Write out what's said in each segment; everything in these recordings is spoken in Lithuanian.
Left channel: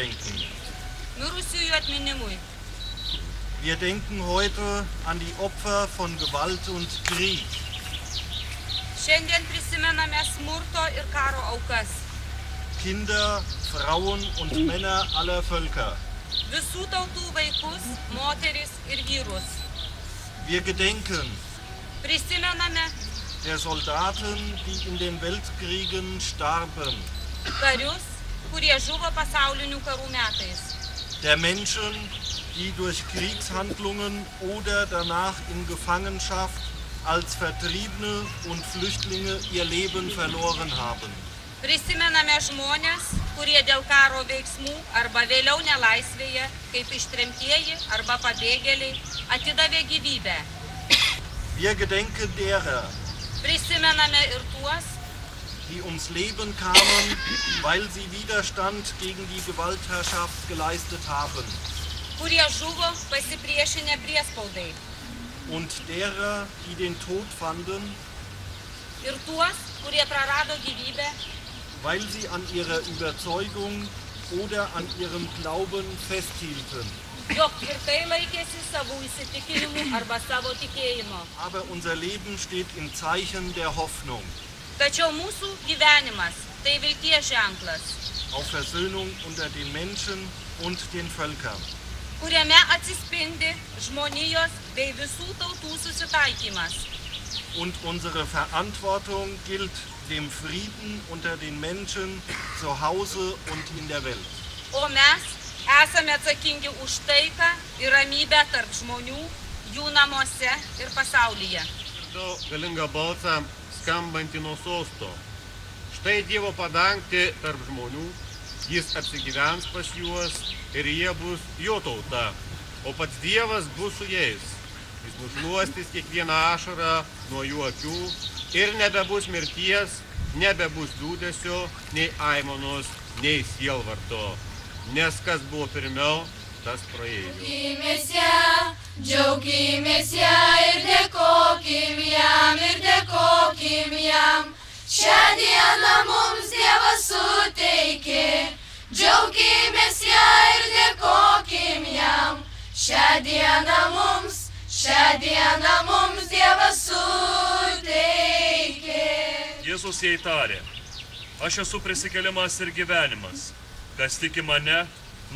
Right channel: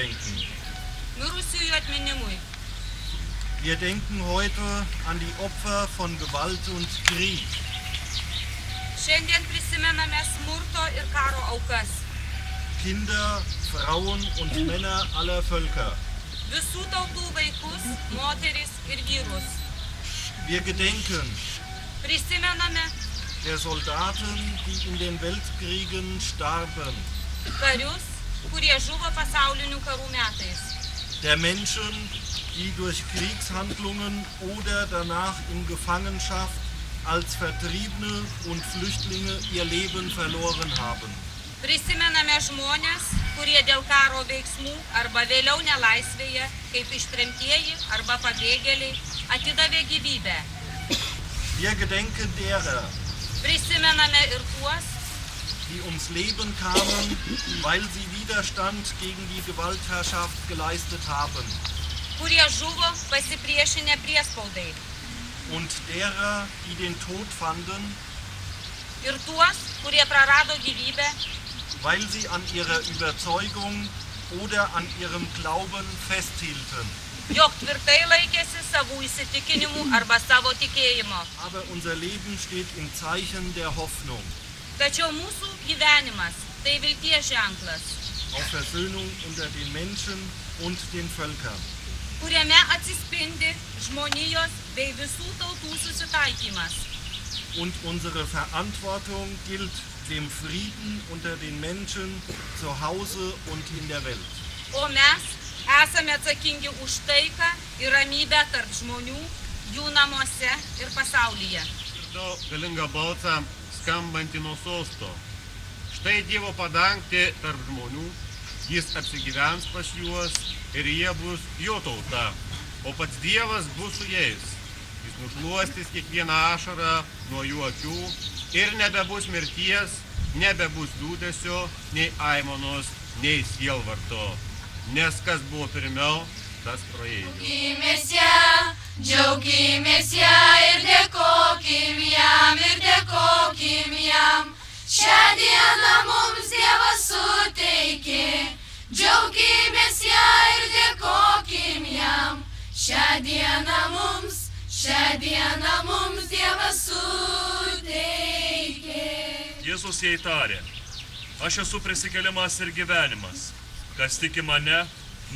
gedenken. Mirusiųjų atminimui. Wir denken heute an die Opfer von Gewalt und Krieg. Šiandien prisimename smurto ir karo aukas. Kinder, Frauen und Männer aller Völker. Visų tautų vaikus, moteris ir vyrus. Wir gedenken Prisimename der Soldaten, die in den Weltkriegen starben. karius, kurie žuvo pasaulinių karų metais. Der Menschen, die durch Kriegshandlungen oder danach in Gefangenschaft als Vertriebene und Flüchtlinge ihr Leben verloren haben. Prisimename žmonės, kurie dėl karo veiksmų arba vėliau nelaisvėje, kaip ištremtieji arba pabėgėliai, atidavė gyvybę. Wir gedenken derer, Prisimename ir tuos, die ums Leben kamen, weil sie Widerstand gegen die Gewaltherrschaft geleistet haben. kurie žuvo pasipriešinę priespaudai. Und derer, die den Tod fanden, Ir tuos, kurie prarado gyvybę, weil sie an ihrer Überzeugung oder an ihrem Glauben festhielten. jog tvirtai laikėsi savų įsitikinimų arba savo tikėjimo. Aber unser Leben steht im Zeichen der Hoffnung Tačiau mūsų gyvenimas tai vilties ženklas, auf Versöhnung unter den Menschen und den Völkern. kuriame atsispindi žmonijos bei visų tautų susitaikymas. Und unsere Verantwortung gilt dem Frieden unter den Menschen zu Hause und in der Welt. O mes esame atsakingi už taiką ir ramybę tarp žmonių, jų namuose ir pasaulyje. Išgirdau galingą balsą skambantį nuo sosto. Štai Dievo padangtė tarp žmonių, jis apsigyvens pas juos ir jie bus jo tauta, o pats Dievas bus su jais. Jis nušluostys kiekvieną ašarą nuo jų akių ir nebebus mirties, nebebus liūdesio, nei aimanos, nei sielvarto. Nes kas buvo pirmiau, tas praėjo. Džiaukimės ją ir dėkokim jam. Šią dieną mums Dievas suteikė. Džiaukimės ją ir dėkokim jam. Šią dieną mums Dievas suteikė. Jėzus jai tarė, aš esu prisikėlimas ir gyvenimas. Kas tiki mane,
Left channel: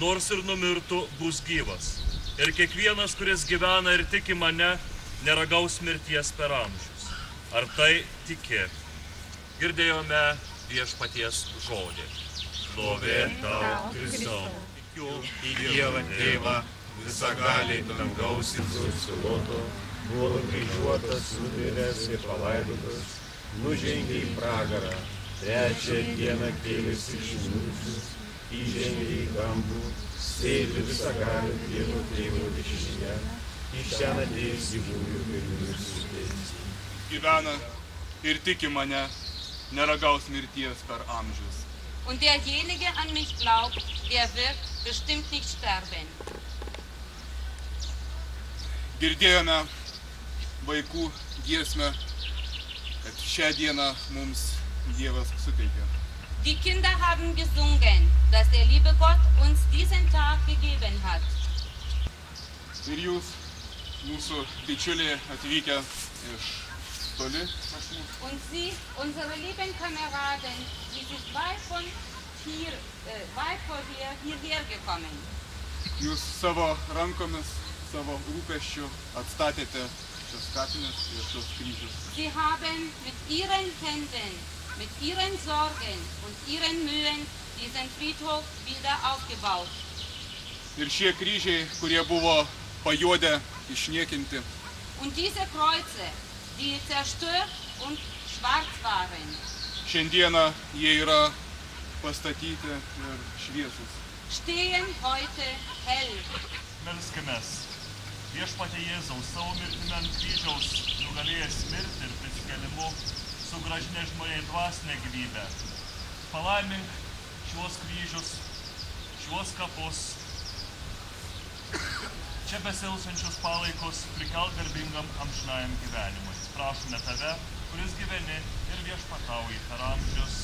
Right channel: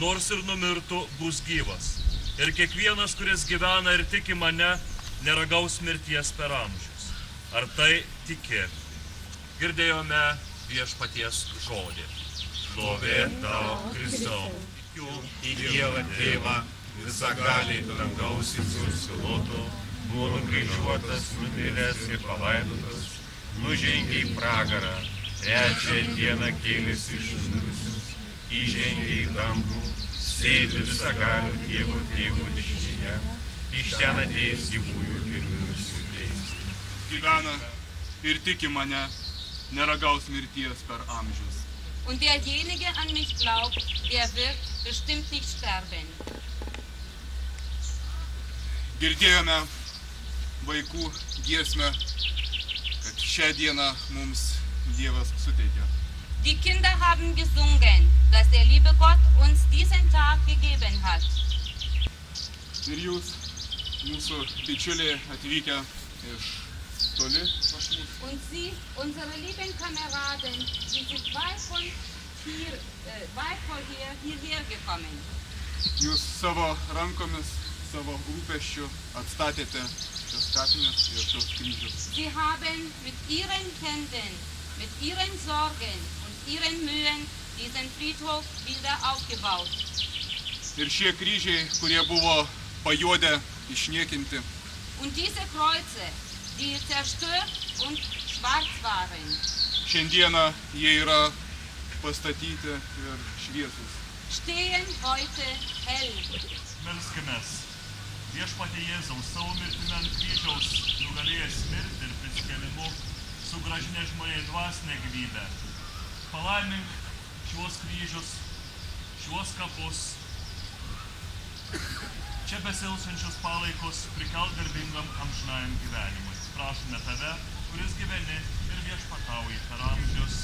nors ir numirtų, bus gyvas. Ir kiekvienas, kuris gyvena ir tiki mane, neragaus mirties per amžius. Ar tai tiki? Girdėjome Viešpaties žodį. Šlovė tau, Kristau, tikiu į Dievą Tėvą, visagalį dangaus ir susiloto, buvo nukryžiuotas, numiręs ir palaidotas, nužengė į pragarą, trečią dieną kėlėsi iš mirusių, įžengė į dangų, sėdi visagalio Dievo Tėvo dešinėje, iš ten ateis gyvųjų ir mirusių teisti. Gyvena ir tiki mane, neragaus mirties per amžius. Und derjenige an mich glaubt, der wird bestimmt nicht sterben. Girdėjome vaikų giesmę, kad šią dieną mums Dievas suteikė. Die Kinder haben gesungen, dass der liebe Gott uns diesen Tag gegeben hat. Ir jūs, mūsų bičiuliai atvykę iš toli pas mus. Und Sie, unsere lieben Kameraden, die sind weit vorher hierher gekommen. Jūs savo rankomis, savo rūpesčiu atstatėte šios kapines ir šios kryžius. Sie haben mit Ihren Händen, mit Ihren Sorgen und Ihren Mühen diesen Friedhof wieder aufgebaut. Ir šie kryžiai, kurie buvo pajuodę, išniekinti, Und diese Kreuze, die zerstört und schwarz waren, šiandieną jie yra pastatyti ir šviesūs. stehen heute hell. Melskimės. Viešpatie Jėzaus savo mirtimi ant kryžiaus nugalėjęs mirtį ir prisikėlimu, sugrąžinę žmonėms dvasinę gyvybę. Palaimink šiuos kryžius, šiuos kapus, čia besilsančius palaikus prikelk garbingam amžinajam gyvenimui. Prašome tave, kuris gyveni ir viešpatauji per amžius.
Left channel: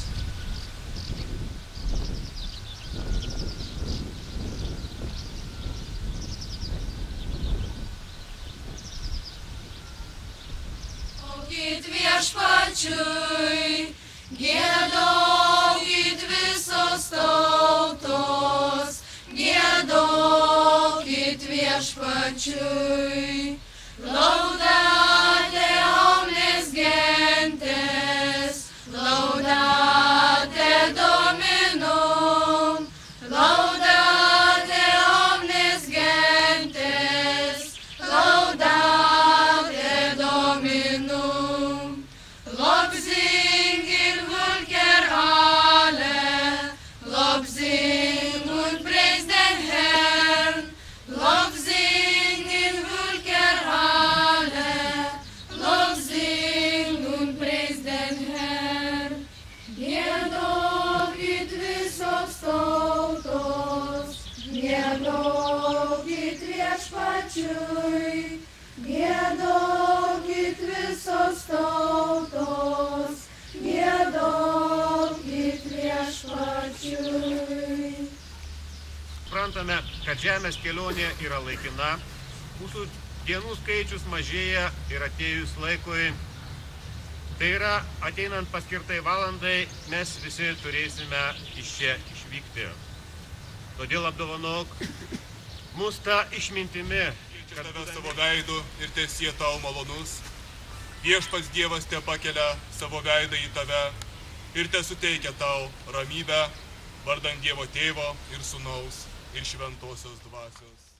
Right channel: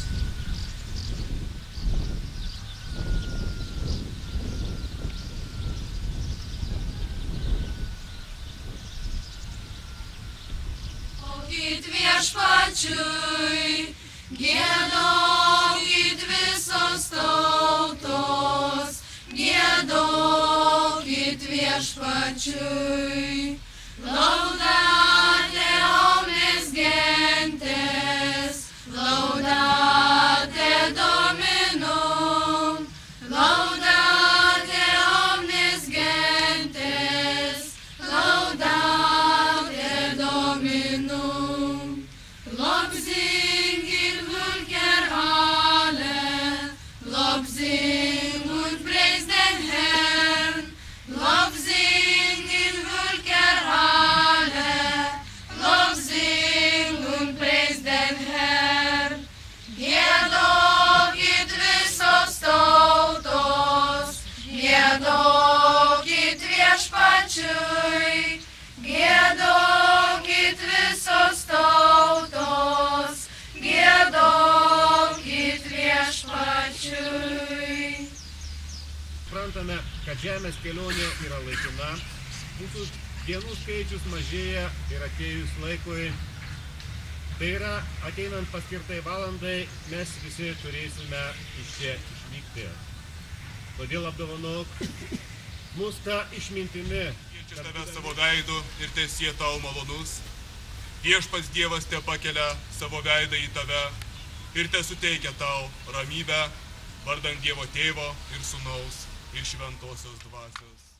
viešpačiui, giedokit visos tautos, giedokit viešpačiui. Laudate omnes gentes, laudate Dominum, laudate omnes gentes, laudate Dominum. Lobsing in Völker alle, lobsing und praise den Herrn, lobsing in Völker alle, lobsing und praise den Herrn. Giedokit visos tautos, giedokit viešpačiui, giedokit visos tautos, giedokit viešpačiui. Suprantame, kad žemės kelionė yra laikina, mūsų dienų skaičius mažėja ir atėjus laikui, tai yra ateinant paskirtai valandai, mes visi turėsime iš čia išvykti. Todėl apdovanok mus tą išmintimi. Keičia tave savo veidu ir tesie tau malonus. Viešpats Dievas te pakelia savo veidą į tave ir te suteikia tau ramybę, vardan Dievo Tėvo ir Sūnaus ir Šventosios Dvasios.